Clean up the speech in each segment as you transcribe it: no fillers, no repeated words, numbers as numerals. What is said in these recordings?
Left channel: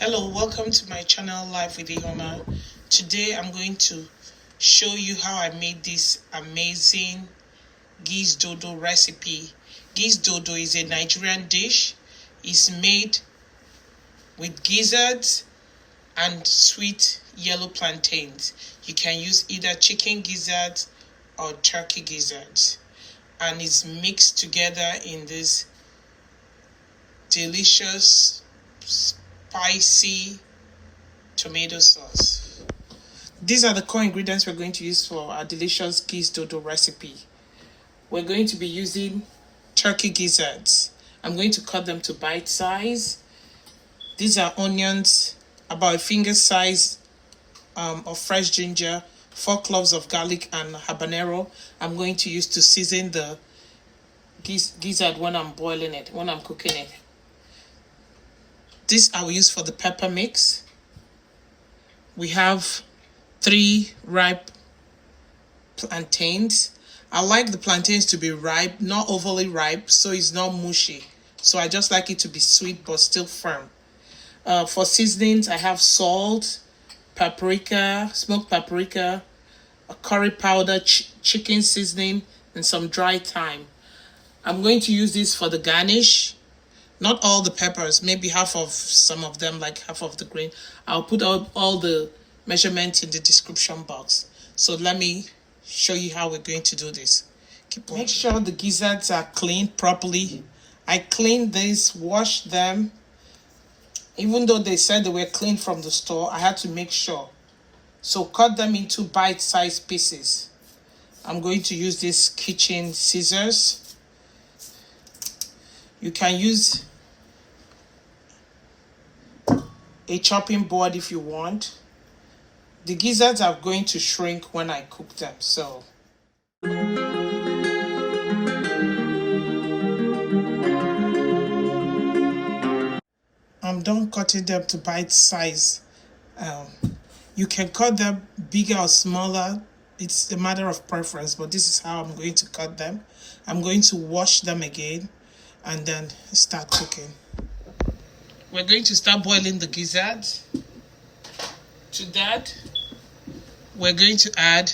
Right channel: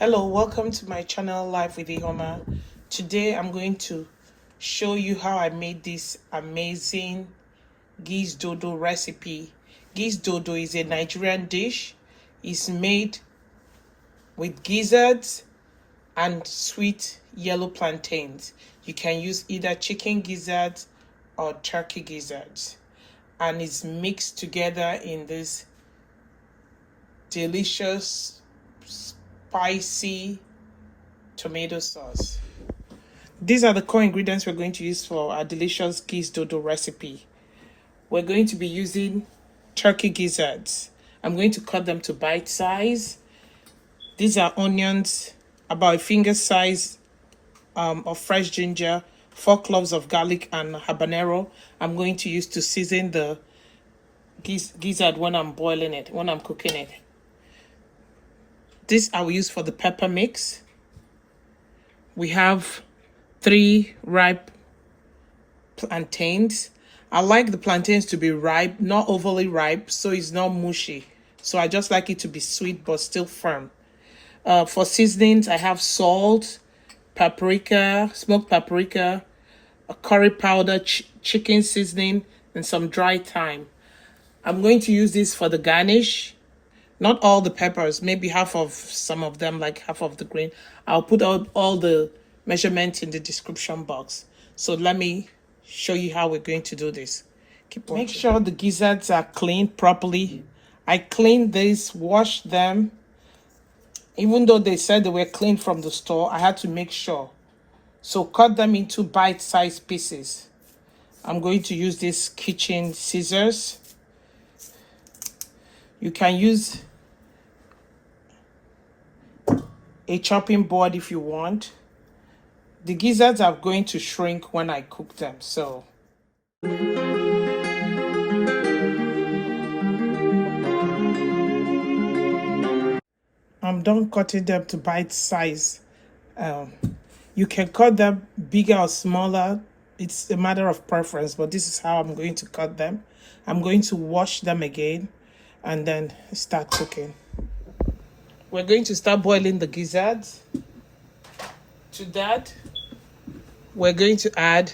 Hello, welcome to my channel Life with Ihoma. Today I'm going to show you how I made this amazing Gizdodo recipe. Gizdodo is a Nigerian dish. It's made with gizzards and sweet yellow plantains. You can use either chicken gizzards or turkey gizzards, and it's mixed together in this delicious spicy tomato sauce. These are the core ingredients we're going to use for our delicious Gizdodo recipe. We're going to be using turkey gizzards. I'm going to cut them to bite size. These are onions, about a finger size of fresh ginger, 4 cloves of garlic, and habanero. I'm going to use to season the gizzard when I'm boiling it, when I'm cooking it. This I will use for the pepper mix. We have 3 ripe plantains. I like the plantains to be ripe, not overly ripe, so it's not mushy. So I just like it to be sweet but still firm. For seasonings, I have salt, paprika, smoked paprika, a curry powder, chicken seasoning, and some dry thyme. I'm going to use this for the garnish. Not all the peppers, maybe half of some of them, like half of the green. I'll put out all the measurements in the description box. So let me show you how we're going to do this. Make sure the gizzards are cleaned properly. I cleaned these, washed them. Even though they said they were cleaned from the store, I had to make sure. So cut them into bite-sized pieces. I'm going to use these kitchen scissors. You can use a chopping board if you want. The gizzards are going to shrink when I cook them, so I'm done cutting them to bite size. You can cut them bigger or smaller. It's a matter of preference, but this is how I'm going to cut them. I'm going to wash them again and then start cooking. We're going to start boiling the gizzards. To that, we're going to add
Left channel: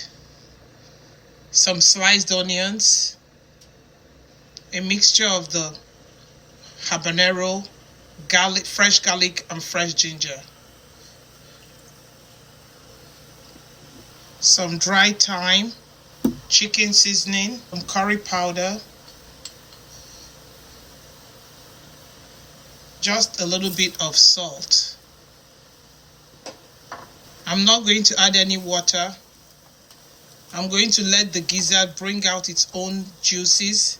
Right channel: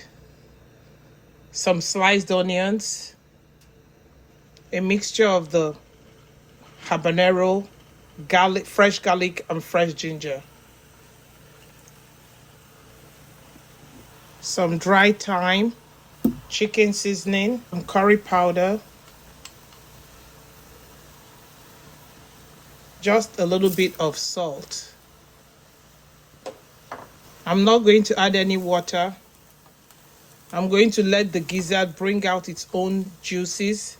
some sliced onions, a mixture of the habanero, garlic, fresh garlic, and fresh ginger, some dry thyme, chicken seasoning, some curry powder, just a little bit of salt. I'm not going to add any water. I'm going to let the gizzard bring out its own juices.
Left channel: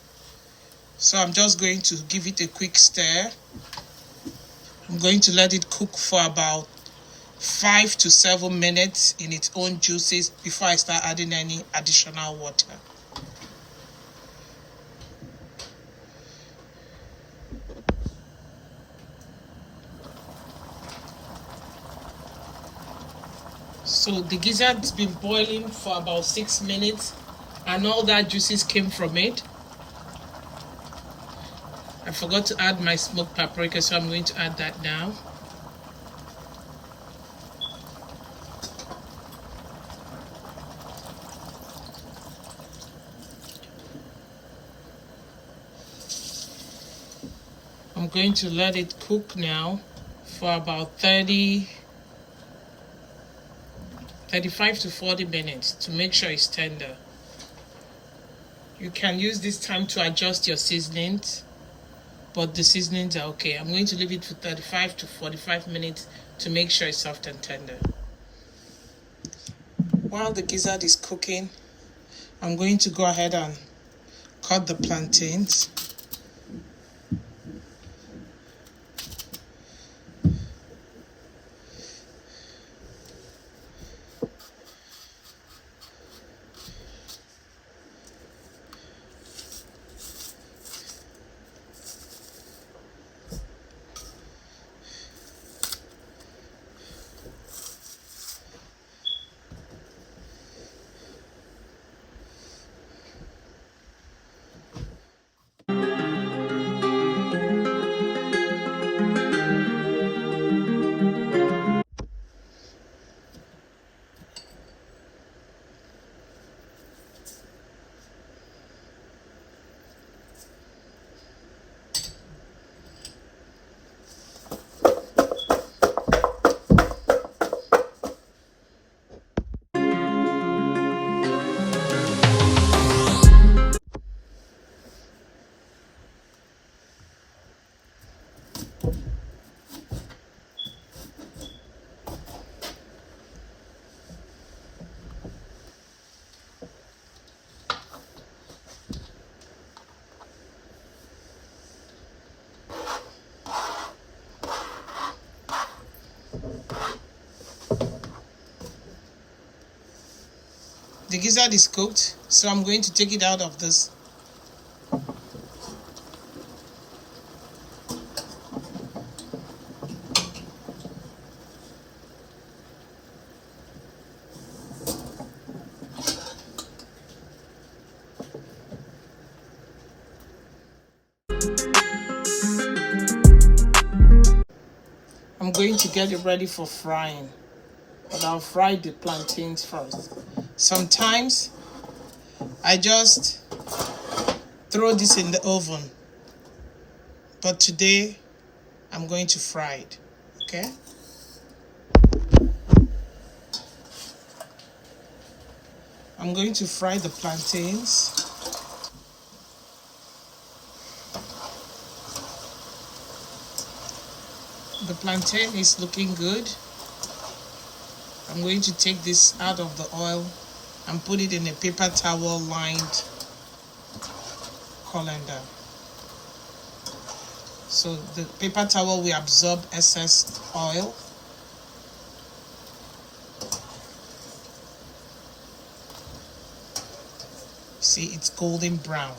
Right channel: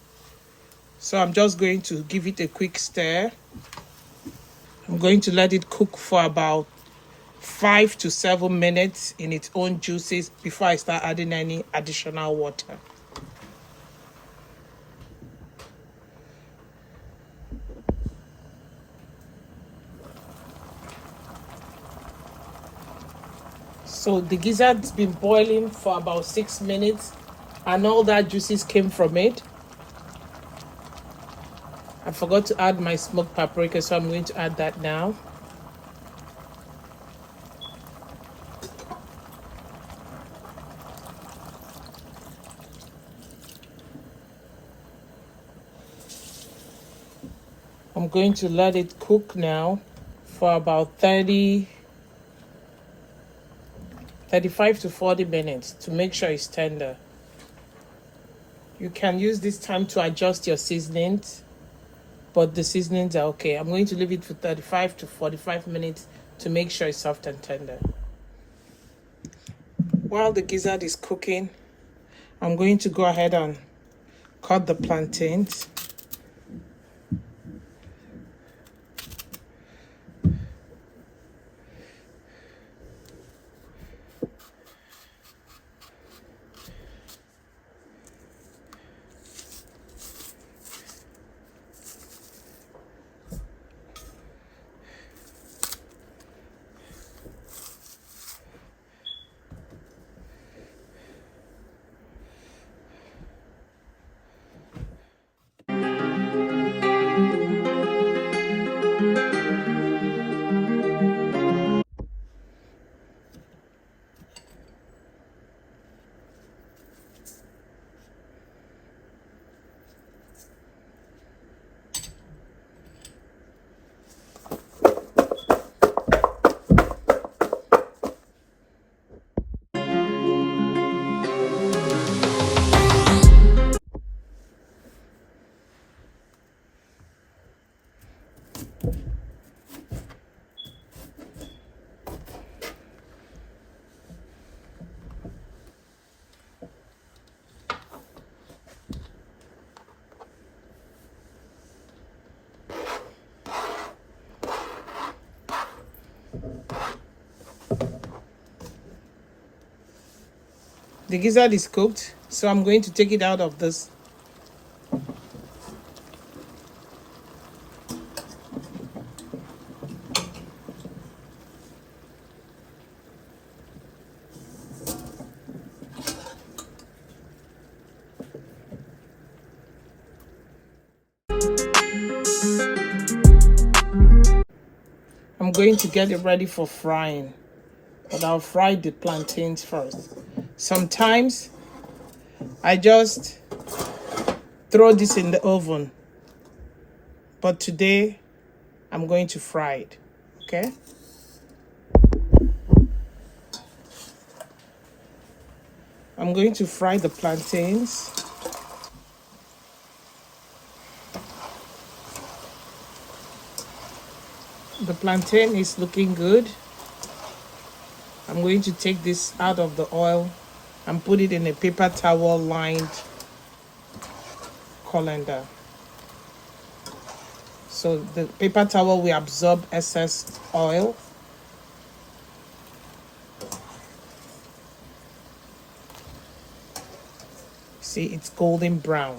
So I'm just going to give it a quick stir. I'm going to let it cook for about 5 to 7 minutes in its own juices before I start adding any additional water. So the gizzard's been boiling for about 6 minutes and all that juices came from it. I forgot to add my smoked paprika, so I'm going to add that now. I'm going to let it cook now for about 35 to 40 minutes to make sure it's tender. You can use this time to adjust your seasonings, but the seasonings are okay. I'm going to leave it for 35 to 45 minutes to make sure it's soft and tender. While the gizzard is cooking, I'm going to go ahead and cut the plantains. The gizzard is cooked, so I'm going to take it out of this. I'm going to get it ready for frying, but I'll fry the plantains first. Sometimes I just throw this in the oven, but today I'm going to fry it. Okay? I'm going to fry the plantains. The plantain is looking good. I'm going to take this out of the oil and put it in a paper towel lined colander. So the paper towel will absorb excess oil. See, it's golden brown.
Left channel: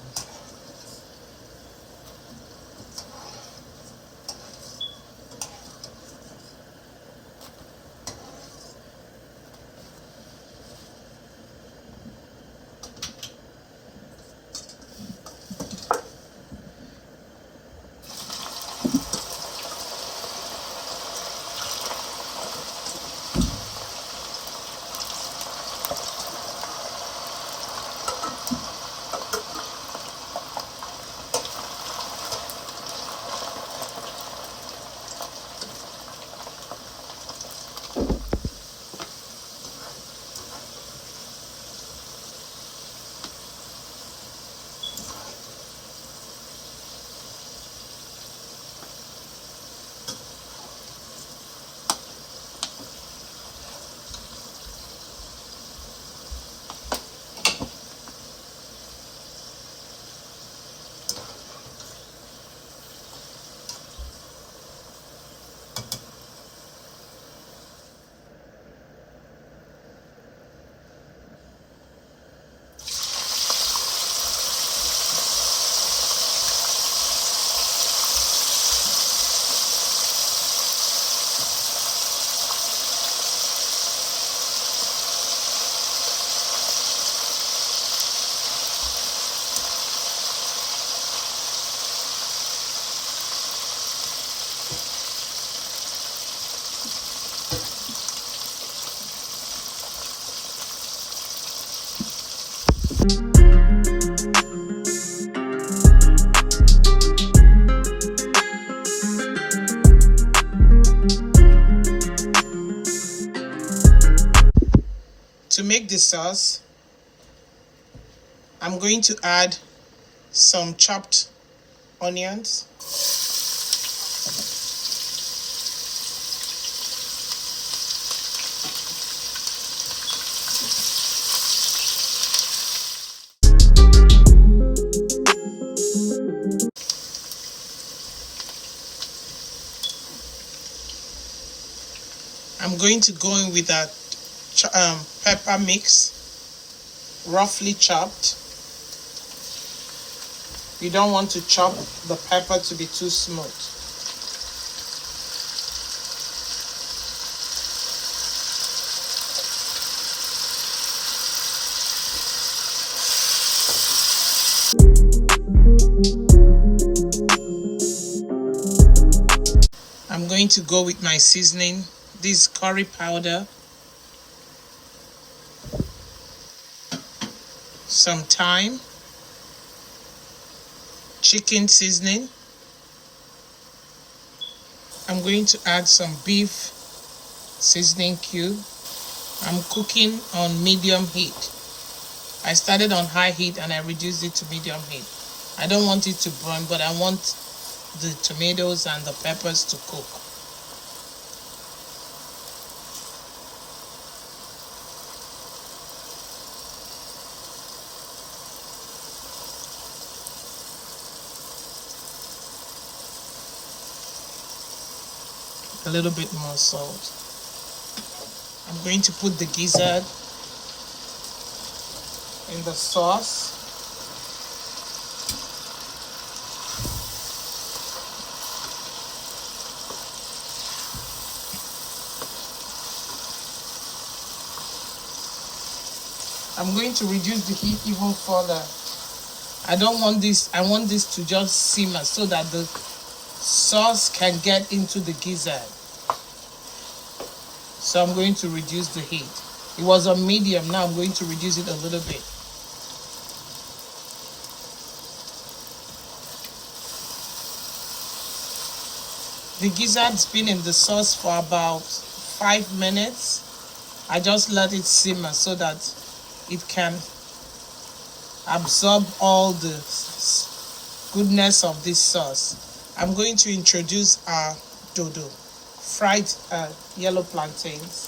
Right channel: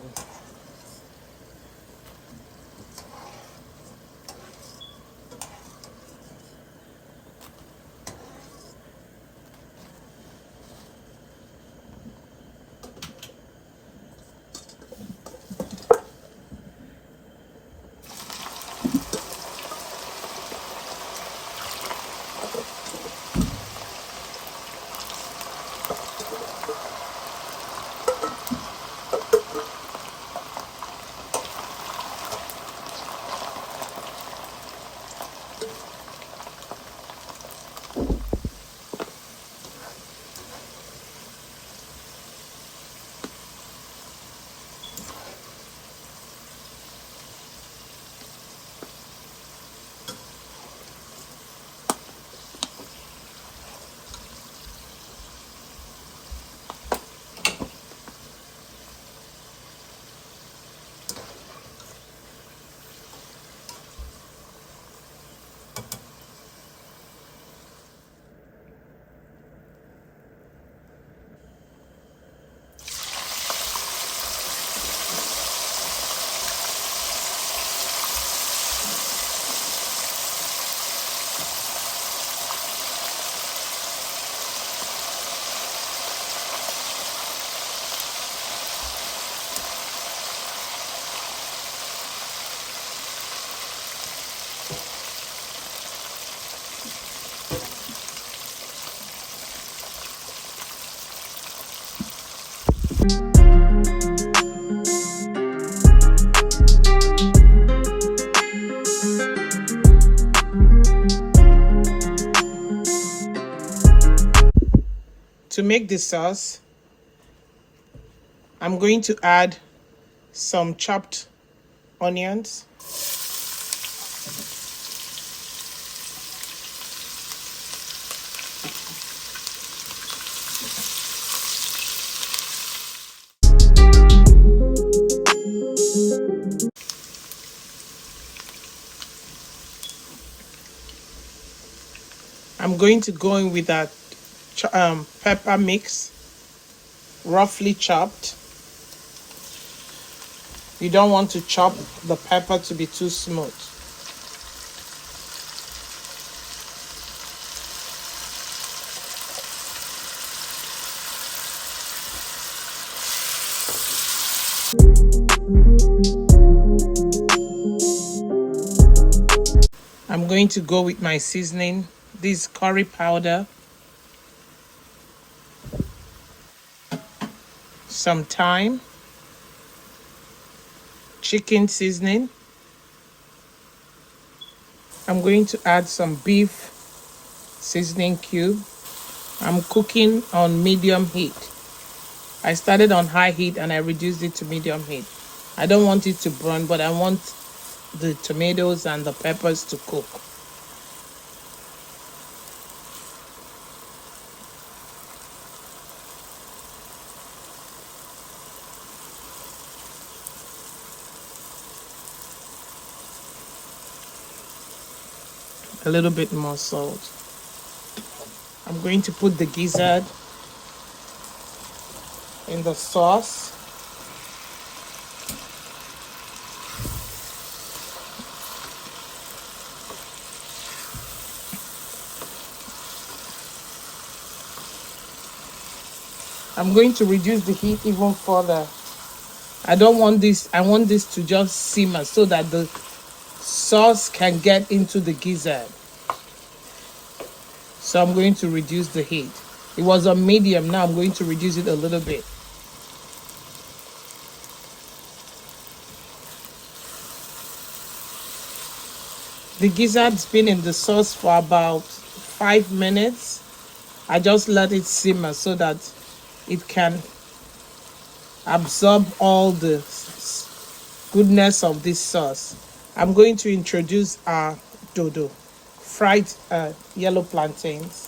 To make the sauce, I'm going to add some chopped onions. I'm going to go in with that pepper mix, roughly chopped. You don't want to chop the pepper to be too smooth. I'm going to go with my seasoning. This curry powder, some thyme, chicken seasoning. I'm going to add some beef seasoning cube. I'm cooking on medium heat. I started on high heat and I reduced it to medium heat. I don't want it to burn, but I want the tomatoes and the peppers to cook. A little bit more salt. I'm going to put the gizzard in the sauce. I'm going to reduce the heat even further. I don't want this, I want this to just simmer so that the sauce can get into the gizzard. So I'm going to reduce the heat. It was on medium, now I'm going to reduce it a little bit. The gizzard's been in the sauce for about 5 minutes. I just let it simmer so that it can absorb all the goodness of this sauce. I'm going to introduce our dodo, fried yellow plantains.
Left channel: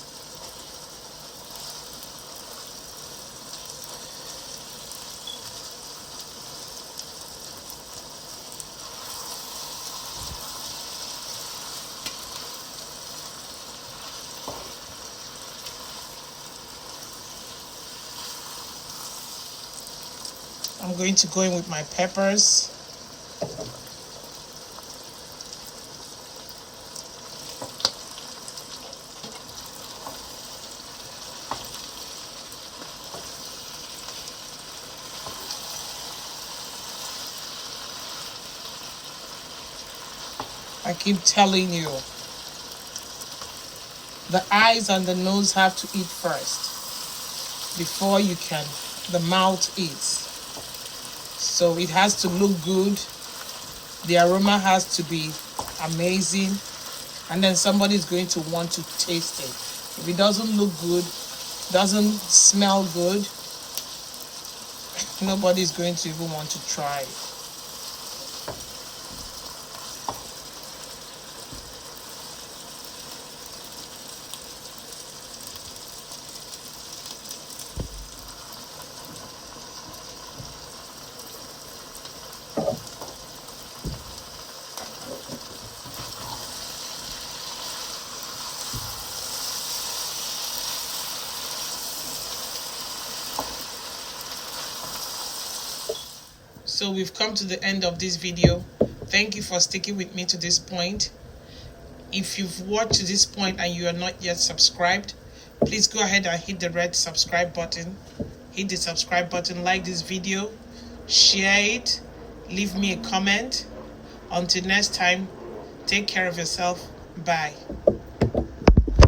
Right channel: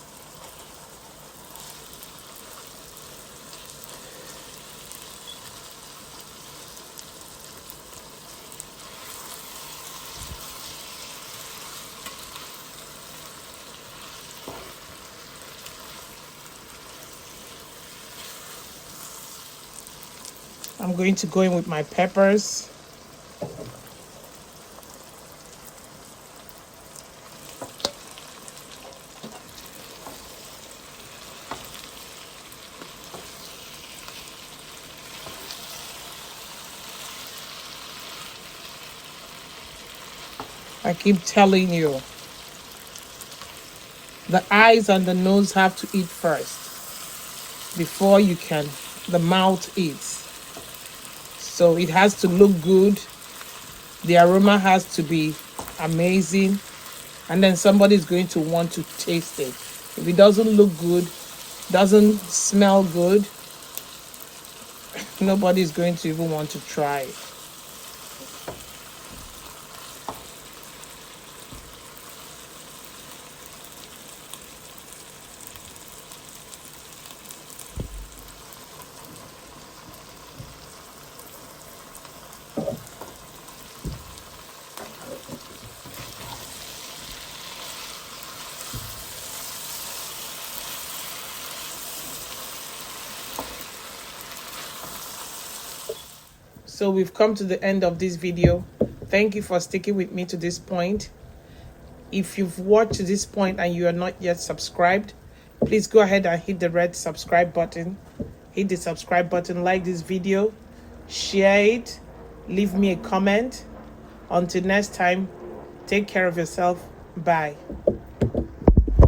I'm going to go in with my peppers. I keep telling you, the eyes and the nose have to eat first before the mouth eats. So it has to look good, the aroma has to be amazing, and then somebody's going to want to taste it. If it doesn't look good, doesn't smell good, nobody's going to even want to try it. So we've come to the end of this video. Thank you for sticking with me to this point. If you've watched to this point and you are not yet subscribed, please go ahead and hit the red subscribe button. Hit the subscribe button, like this video, share it, leave me a comment. Until next time, take care of yourself. Bye.